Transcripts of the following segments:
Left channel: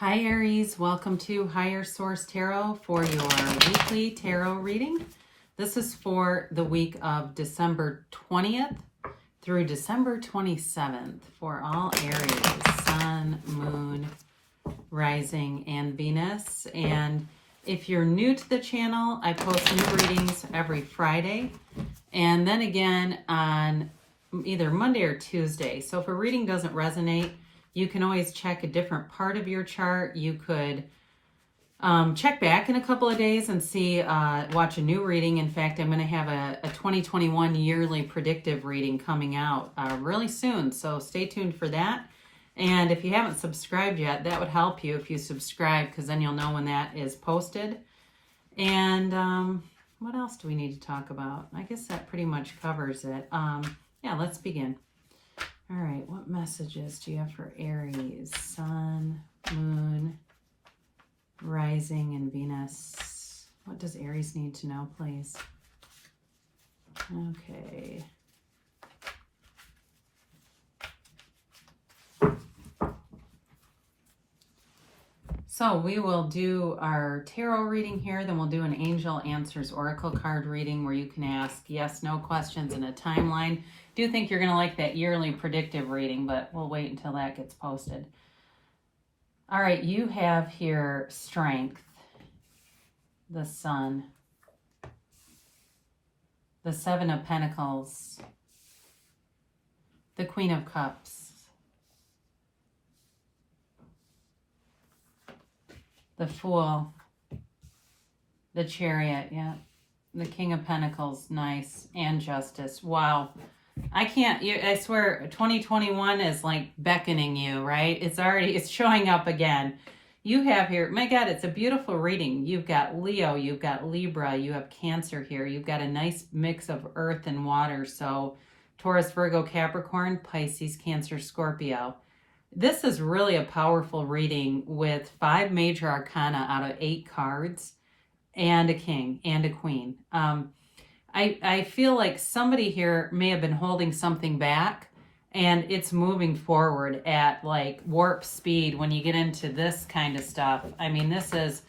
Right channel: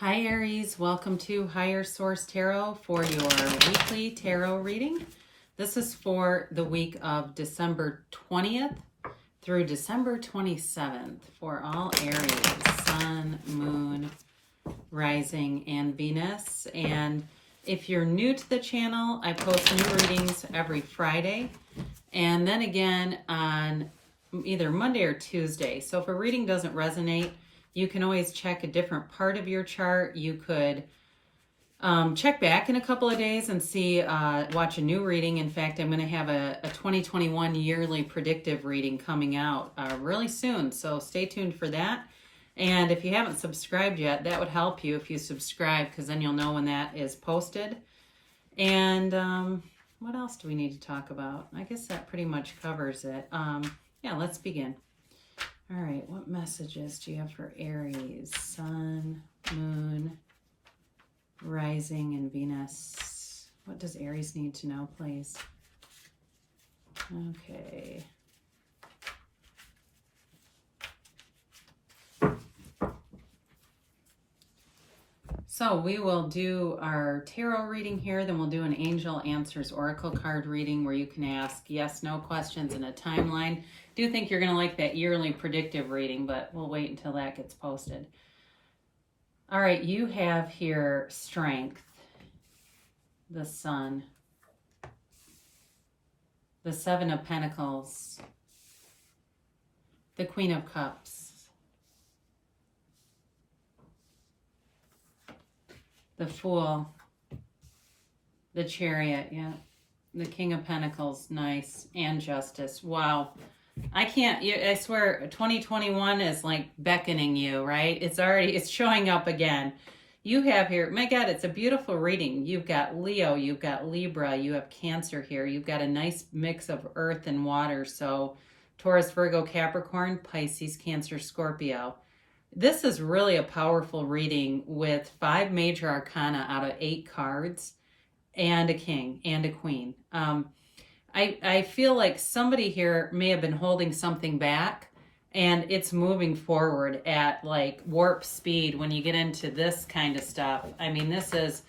Hi Aries, welcome to Higher Source Tarot for your weekly tarot reading. This is for the week of December 20th through December 27th for all Aries, Sun, Moon, Rising, and Venus. And if you're new to the channel, I post new readings every Friday and then again on either Monday or Tuesday. So if a reading doesn't resonate, you can always check a different part of your chart. You could check back in a couple of days and see, watch a new reading. In fact, I'm going to have a 2021 yearly predictive reading coming out really soon. So stay tuned for that. And if you haven't subscribed yet, that would help you if you subscribe, because then you'll know when that is posted. And what else do we need to talk about? I guess that pretty much covers it. Yeah, let's begin. All right, what messages do you have for Aries, Sun, Moon, Rising, and Venus? What does Aries need to know, please? Okay. So we will do our tarot reading here, then we'll do an Angel Answers Oracle card reading where you can ask yes, no questions in a timeline. I do think you're going to like that yearly predictive reading, but we'll wait until that gets posted. All right, you have here Strength, the Sun, the Seven of Pentacles, the Queen of Cups, the Fool, the Chariot, yeah, the King of Pentacles, nice, and Justice. Wow. I swear 2021 is like beckoning you, right? It's showing up again. You have here, my God, it's a beautiful reading. You've got Leo, you've got Libra, you have Cancer here. You've got a nice mix of earth and water. So Taurus, Virgo, Capricorn, Pisces, Cancer, Scorpio. This is really a powerful reading with 5 major arcana out of 8 cards and a king and a queen. I feel like somebody here may have been holding something back and it's moving forward at like warp speed when you get into this kind of stuff. I mean, this is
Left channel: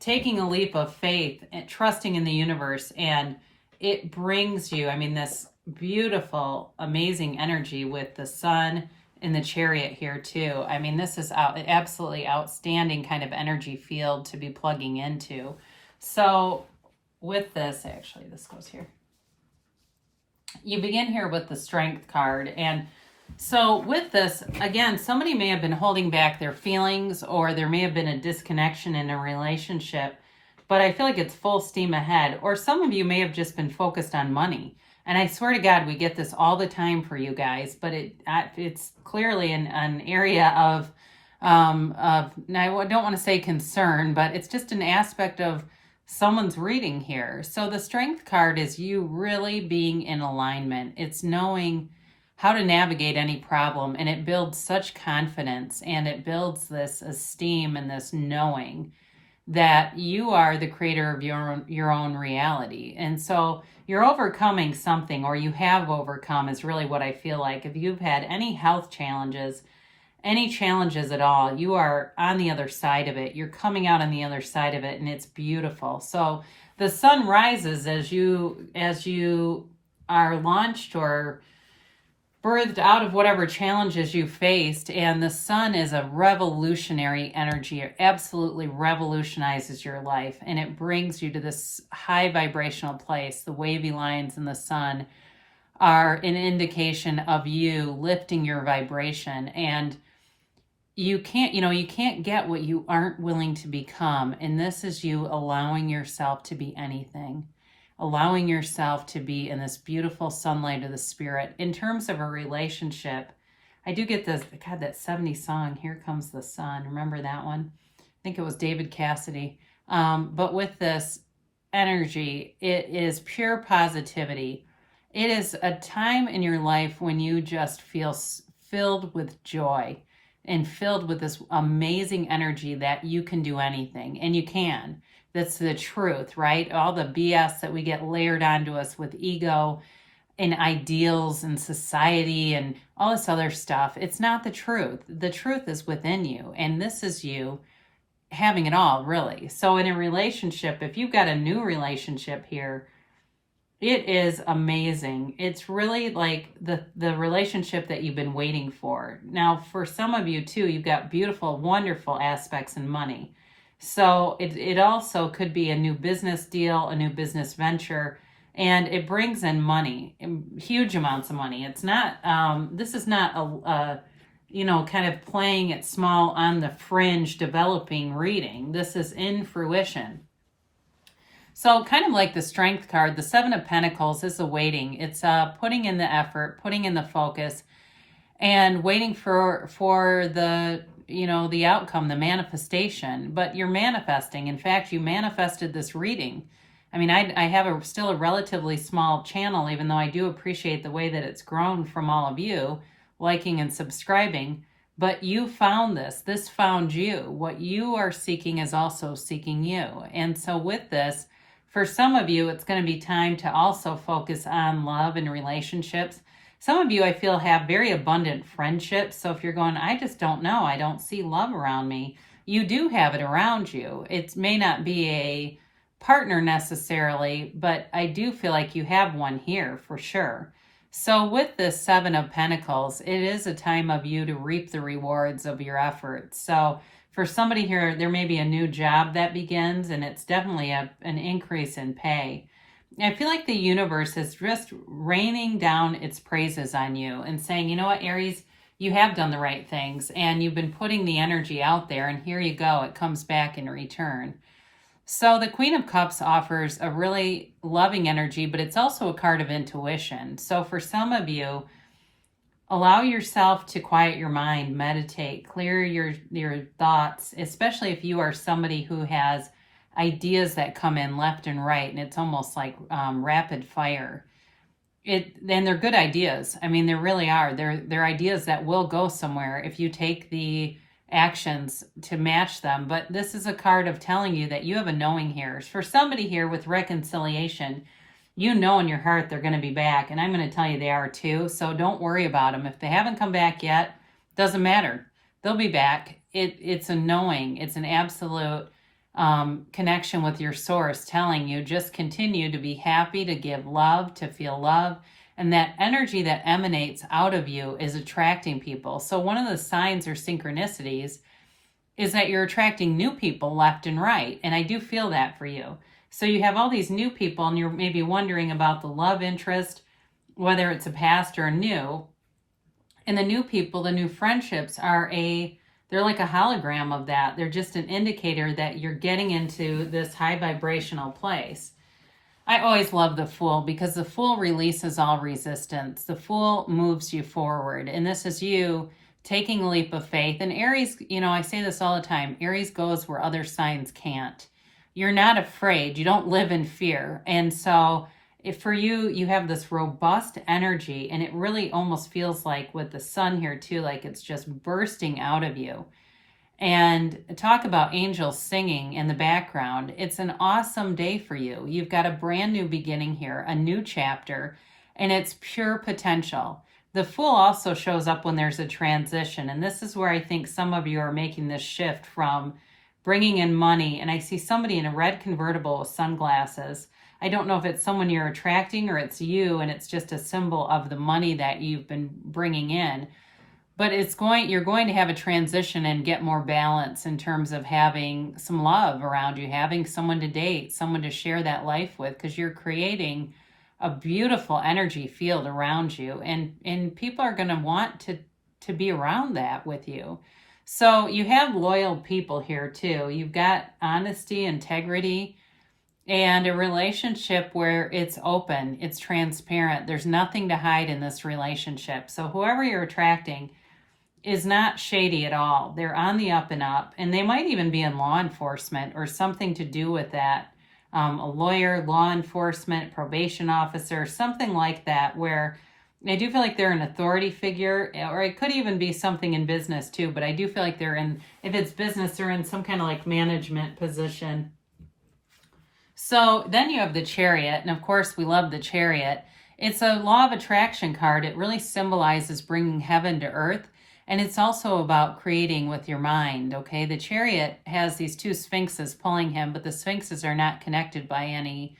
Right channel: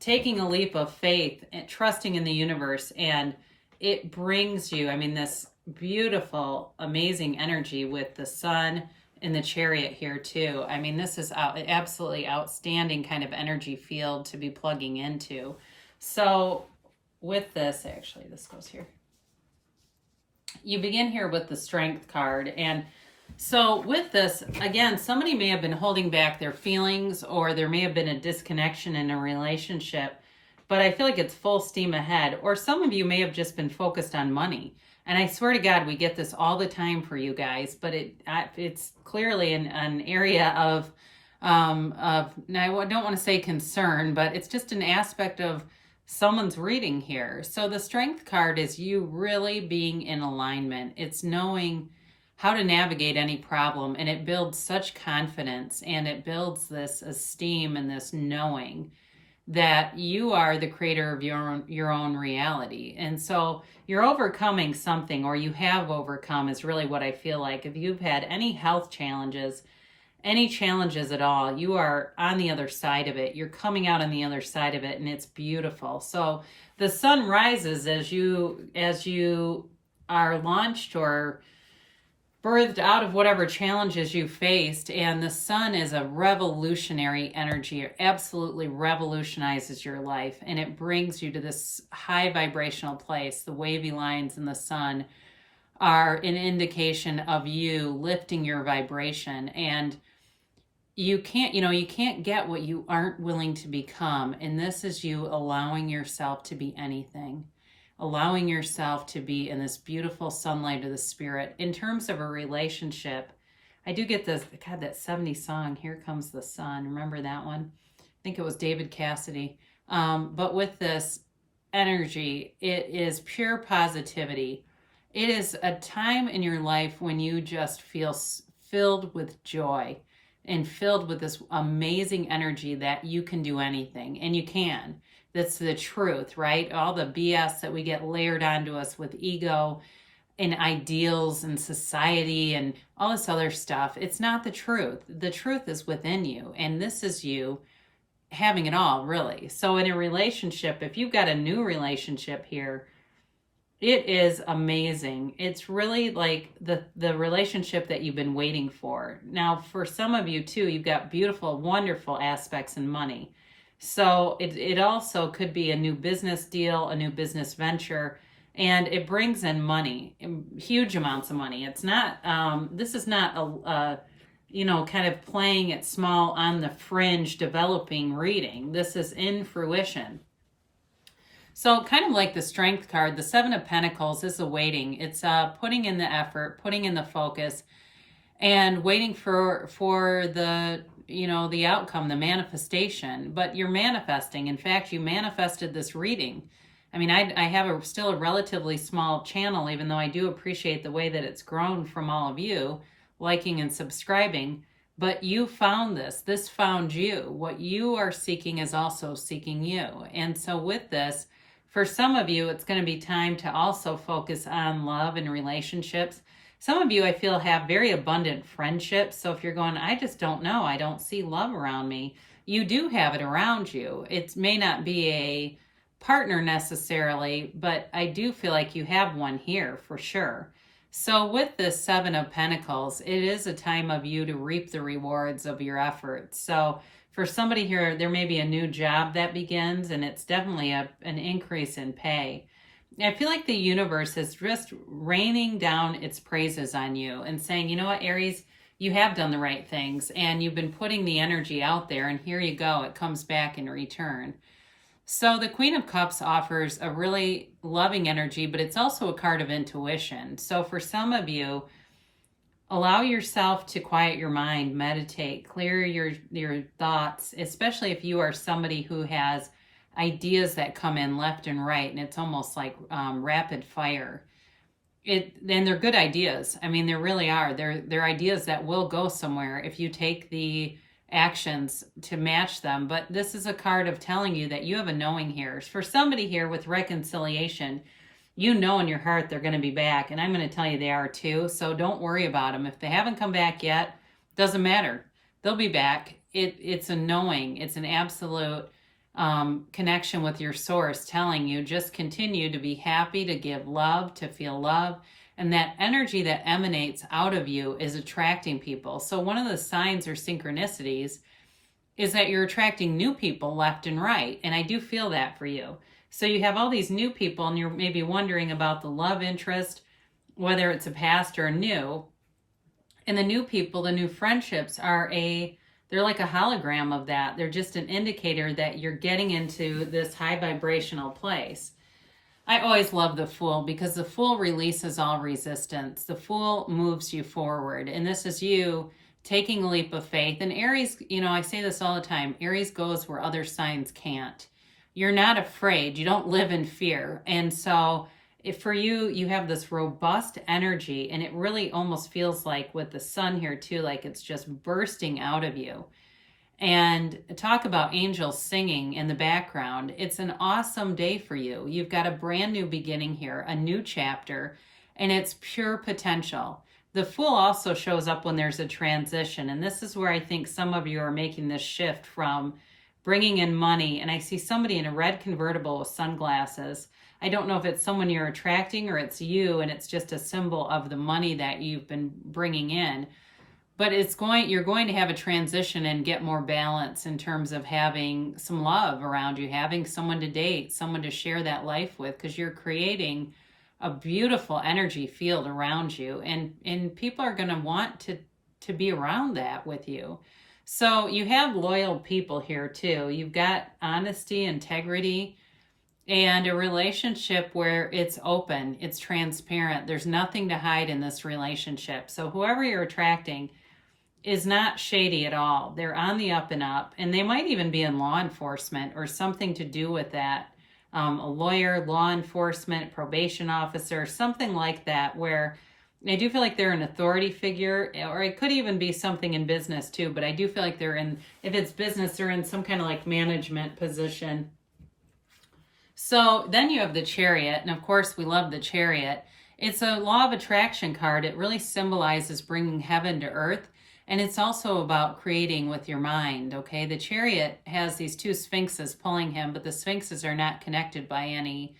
taking a leap of faith and trusting in the universe, and it brings you, I mean, this beautiful, amazing energy with the Sun and the Chariot here too. I mean, this is absolutely outstanding kind of energy field to be plugging into. So with this, actually, this goes here. You begin here with the Strength card. And so with this, again, somebody may have been holding back their feelings, or there may have been a disconnection in a relationship, but I feel like it's full steam ahead. Or some of you may have just been focused on money. And I swear to God, we get this all the time for you guys, but it's clearly an area of I don't want to say concern, but it's just an aspect of someone's reading here. So the Strength card is you really being in alignment. It's knowing how to navigate any problem, and it builds such confidence, and it builds this esteem and this knowing that you are the creator of your own reality. And so you're overcoming something, or you have overcome, is really what I feel like. If you've had any health challenges, any challenges at all, you are on the other side of it. You're coming out on the other side of it, and it's beautiful. So the sun rises as you are launched or birthed out of whatever challenges you faced, and the sun is a revolutionary energy. It absolutely revolutionizes your life, and it brings you to this high vibrational place. The wavy lines in the sun are an indication of you lifting your vibration, and you can't get what you aren't willing to become. And this is you allowing yourself to be anything, allowing yourself to be in this beautiful sunlight of the spirit. In terms of a relationship, I do get this, God, that 70s song, Here Comes the Sun. Remember that one? I think it was David Cassidy. But with this energy, it is pure positivity. It is a time in your life when you just feel filled with joy and filled with this amazing energy that you can do anything, and you can. That's the truth, right? All the BS that we get layered onto us with ego and ideals and society and all this other stuff, it's not the truth. The truth is within you, and this is you having it all, really. So in a relationship, if you've got a new relationship here, it is amazing. It's really like the relationship that you've been waiting for. Now, for some of you too, you've got beautiful, wonderful aspects in money. So it also could be a new business deal, a new business venture, and it brings in money, huge amounts of money. It's not, this is not a kind of playing it small on the fringe developing reading. This is in fruition. So kind of like the Strength card, the Seven of Pentacles is the waiting. It's putting in the effort, putting in the focus, and waiting for the the outcome, the manifestation. But you're manifesting. In fact, you manifested this reading. I mean, I have still a relatively small channel, even though I do appreciate the way that it's grown from all of you liking and subscribing. But you found this. This found you. What you are seeking is also seeking you. And so with this, for some of you, it's going to be time to also focus on love and relationships. Some of you, I feel, have very abundant friendships. So if you're going, I just don't know, I don't see love around me, you do have it around you. It may not be a partner necessarily, but I do feel like you have one here for sure. So with this Seven of Pentacles, it is a time of you to reap the rewards of your efforts. So for somebody here, there may be a new job that begins, and it's definitely an increase in pay. I feel like the universe is just raining down its praises on you and saying, you know what, Aries, you have done the right things, and you've been putting the energy out there, and here you go, it comes back in return. So the Queen of Cups offers a really loving energy, but it's also a card of intuition. So for some of you, allow yourself to quiet your mind, meditate, clear your thoughts, especially if you are somebody who has ideas that come in left and right, and it's almost like rapid fire. And they're good ideas. I mean, there really are. They're ideas that will go somewhere if you take the actions to match them. But this is a card of telling you that you have a knowing here. For somebody here with reconciliation, you know in your heart they're going to be back, and I'm going to tell you they are too. So don't worry about them. If they haven't come back yet, doesn't matter. They'll be back. It's a knowing. It's an absolute connection with your source telling you just continue to be happy, to give love, to feel love. And that energy that emanates out of you is attracting people. So one of the signs or synchronicities is that you're attracting new people left and right. And I do feel that for you. So you have all these new people, and you're maybe wondering about the love interest, whether it's a past or a new. And the new people, the new friendships they're like a hologram of that. They're just an indicator that you're getting into this high vibrational place. I always love the Fool, because the Fool releases all resistance. The Fool moves you forward. And this is you taking a leap of faith. And Aries, I say this all the time, Aries goes where other signs can't. You're not afraid. You don't live in fear. And so if for you, you have this robust energy, and it really almost feels like with the sun here too, like it's just bursting out of you. And talk about angels singing in the background. It's an awesome day for you. You've got a brand new beginning here, a new chapter, and it's pure potential. The Fool also shows up when there's a transition. And this is where I think some of you are making this shift from bringing in money. And I see somebody in a red convertible with sunglasses. I don't know if it's someone you're attracting or it's you, and it's just a symbol of the money that you've been bringing in. But you're going to have a transition and get more balance in terms of having some love around you, having someone to date, someone to share that life with, because you're creating a beautiful energy field around you. And people are going to want to be around that with you. So you have loyal people here too. You've got honesty, integrity, and a relationship where it's open, it's transparent. There's nothing to hide in this relationship. So whoever you're attracting is not shady at all. They're on the up and up, and they might even be in law enforcement or something to do with that. A lawyer, law enforcement, probation officer, something like that, where I do feel like they're an authority figure, or it could even be something in business too, but I do feel like if it's business, they're in some kind of like management position. So then you have the Chariot, and of course we love the Chariot. It's a law of attraction card. It really symbolizes bringing heaven to earth. And it's also about creating with your mind, okay? The Chariot has these two sphinxes pulling him, but the sphinxes are not connected by any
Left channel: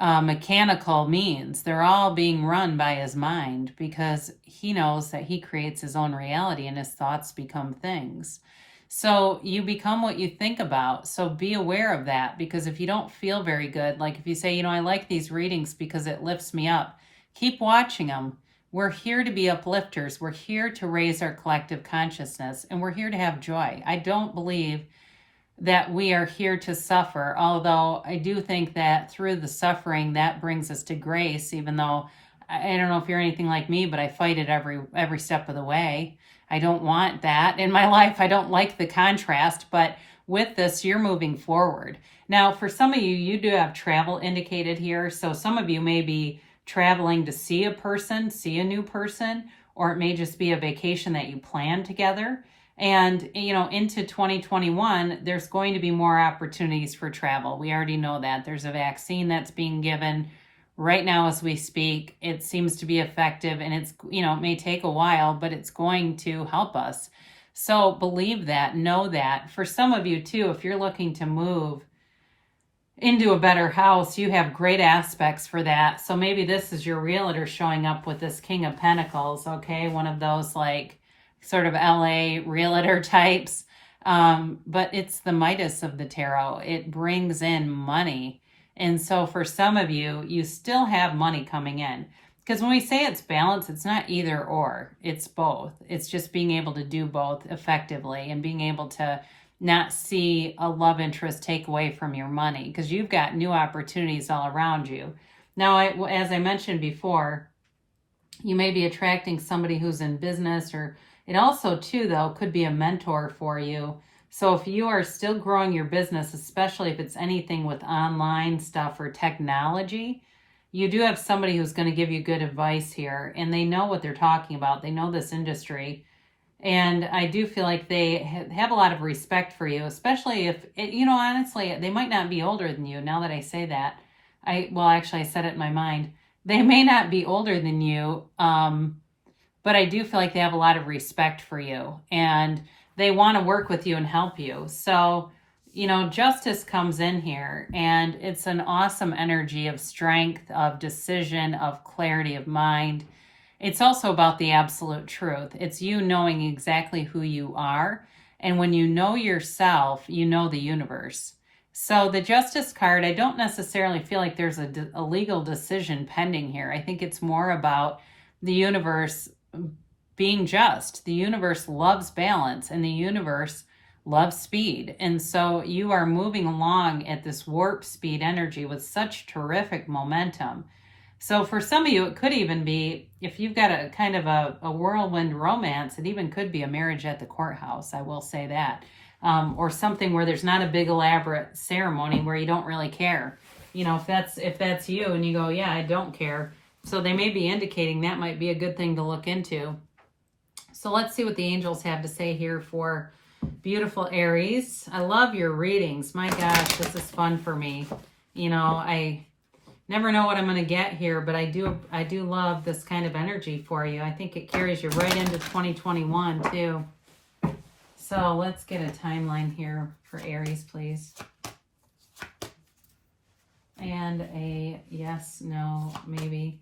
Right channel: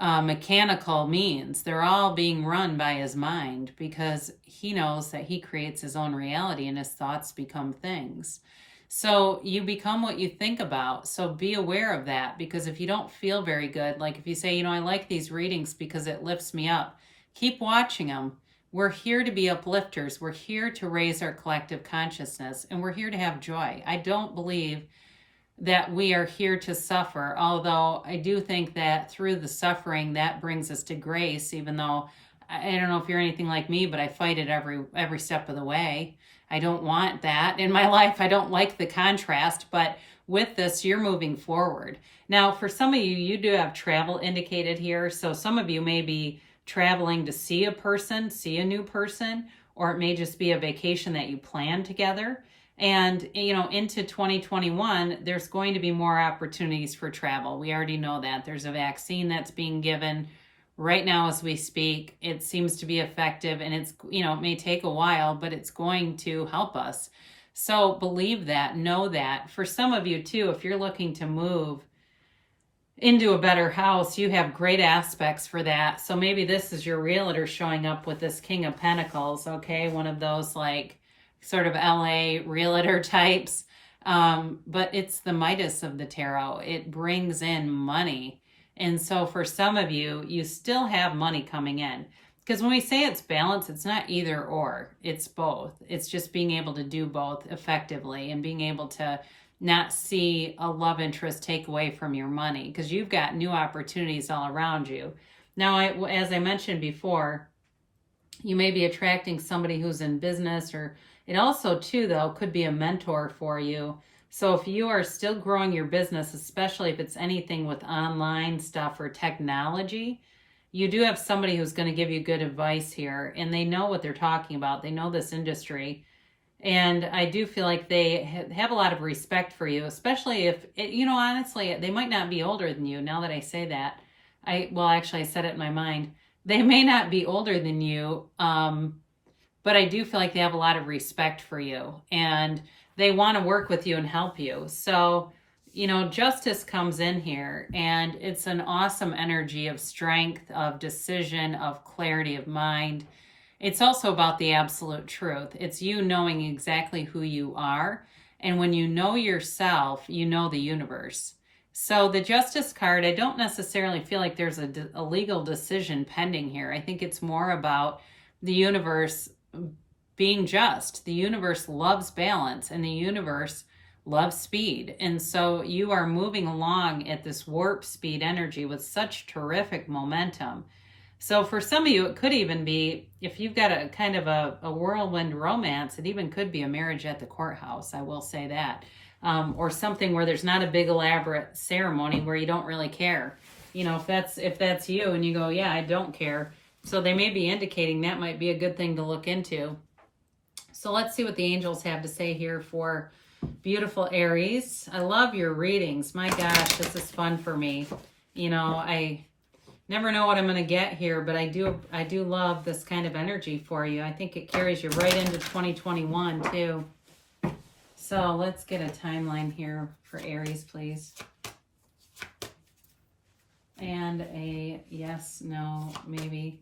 mechanical means. They're all being run by his mind, because he knows that he creates his own reality and his thoughts become things. So you become what you think about. So be aware of that, because if you don't feel very good, like if you say, I like these readings because it lifts me up, keep watching them. We're here to be uplifters. We're here to raise our collective consciousness, and we're here to have joy. I don't believe that we are here to suffer, although I do think that through the suffering, that brings us to grace, even though I don't know if you're anything like me, but I fight it every step of the way. I don't want that in my life. I don't like the contrast, but with this, you're moving forward. Now, for some of you, you do have travel indicated here. So some of you may be traveling to see a person, see a new person, or it may just be a vacation that you plan together. And, into 2021, there's going to be more opportunities for travel. We already know that. There's a vaccine that's being given right now as we speak. It seems to be effective, and it's, it may take a while, but it's going to help us. So believe that, know that. For some of you too, if you're looking to move into a better house, you have great aspects for that. So maybe this is your realtor showing up with this King of Pentacles, okay? One of those like sort of LA realtor types. But it's the Midas of the tarot. It brings in money. And so for some of you, you still have money coming in. Because when we say it's balance, it's not either or. It's both. It's just being able to do both effectively and being able to not see a love interest take away from your money, because you've got new opportunities all around you. Now, as I mentioned before, you may be attracting somebody who's in business, or it also too, though, could be a mentor for you. So if you are still growing your business, especially if it's anything with online stuff or technology, you do have somebody who's going to give you good advice here, and they know what they're talking about. They know this industry. And I do feel like they have a lot of respect for you, especially if, honestly, they might not be older than you. Now that I say that, I said it in my mind. They may not be older than you, but I do feel like they have a lot of respect for you, and they want to work with you and help you. So, justice comes in here, and it's an awesome energy of strength, of decision, of clarity of mind. It's also about the absolute truth. It's you knowing exactly who you are. And when you know yourself, you know the universe. So the Justice card, I don't necessarily feel like there's a legal decision pending here. I think it's more about the universe being just. The universe loves balance, and the universe loves speed. And so you are moving along at this warp speed energy with such terrific momentum. So for some of you, it could even be, if you've got a kind of a whirlwind romance, it even could be a marriage at the courthouse, I will say that. Or something where there's not a big elaborate ceremony where you don't really care. If that's you and you go, yeah, I don't care. So they may be indicating that might be a good thing to look into. So let's see what the angels have to say here for beautiful Aries. I love your readings. My gosh, this is fun for me. I never know what I'm going to get here, but I do love this kind of energy for you. I think it carries you right into 2021 too. So let's get a timeline here for Aries, please. And a yes, no, maybe.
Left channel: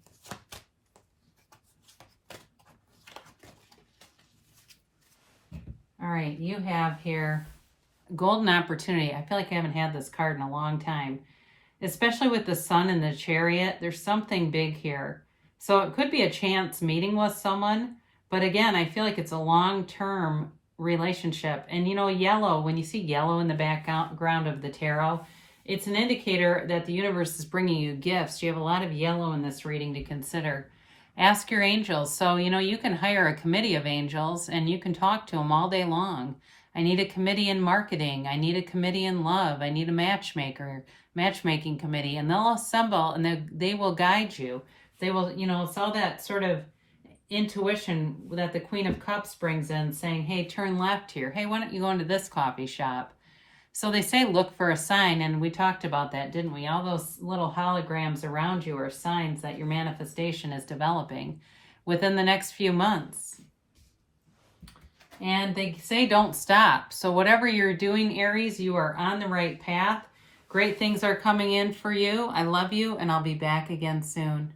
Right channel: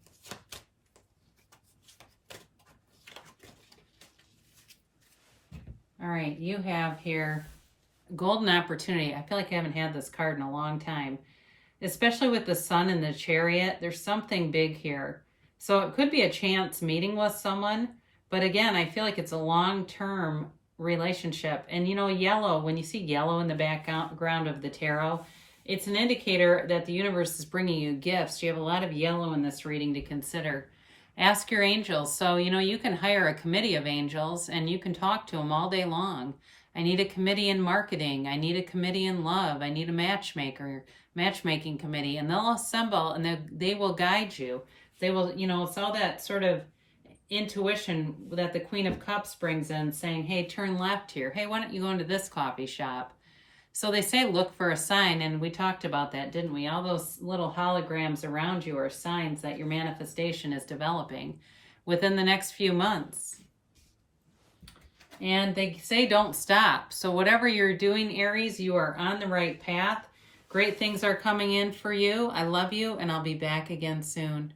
All right, you have here golden opportunity. I feel like I haven't had this card in a long time. Especially with the Sun and the Chariot, there's something big here. So it could be a chance meeting with someone, but again, I feel like it's a long-term relationship. And yellow, when you see yellow in the background of the tarot, it's an indicator that the universe is bringing you gifts. You have a lot of yellow in this reading to consider. Ask your angels. So, you can hire a committee of angels and you can talk to them all day long. I need a committee in marketing. I need a committee in love. I need a matchmaking committee, and they'll assemble and they will guide you. They will, it's all that sort of intuition that the Queen of Cups brings in, saying, hey, turn left here. Hey, why don't you go into this coffee shop? So they say look for a sign, and we talked about that, didn't we? All those little holograms around you are signs that your manifestation is developing within the next few months. And they say don't stop. So whatever you're doing, Aries, you are on the right path. Great things are coming in for you. I love you, and I'll be back again soon.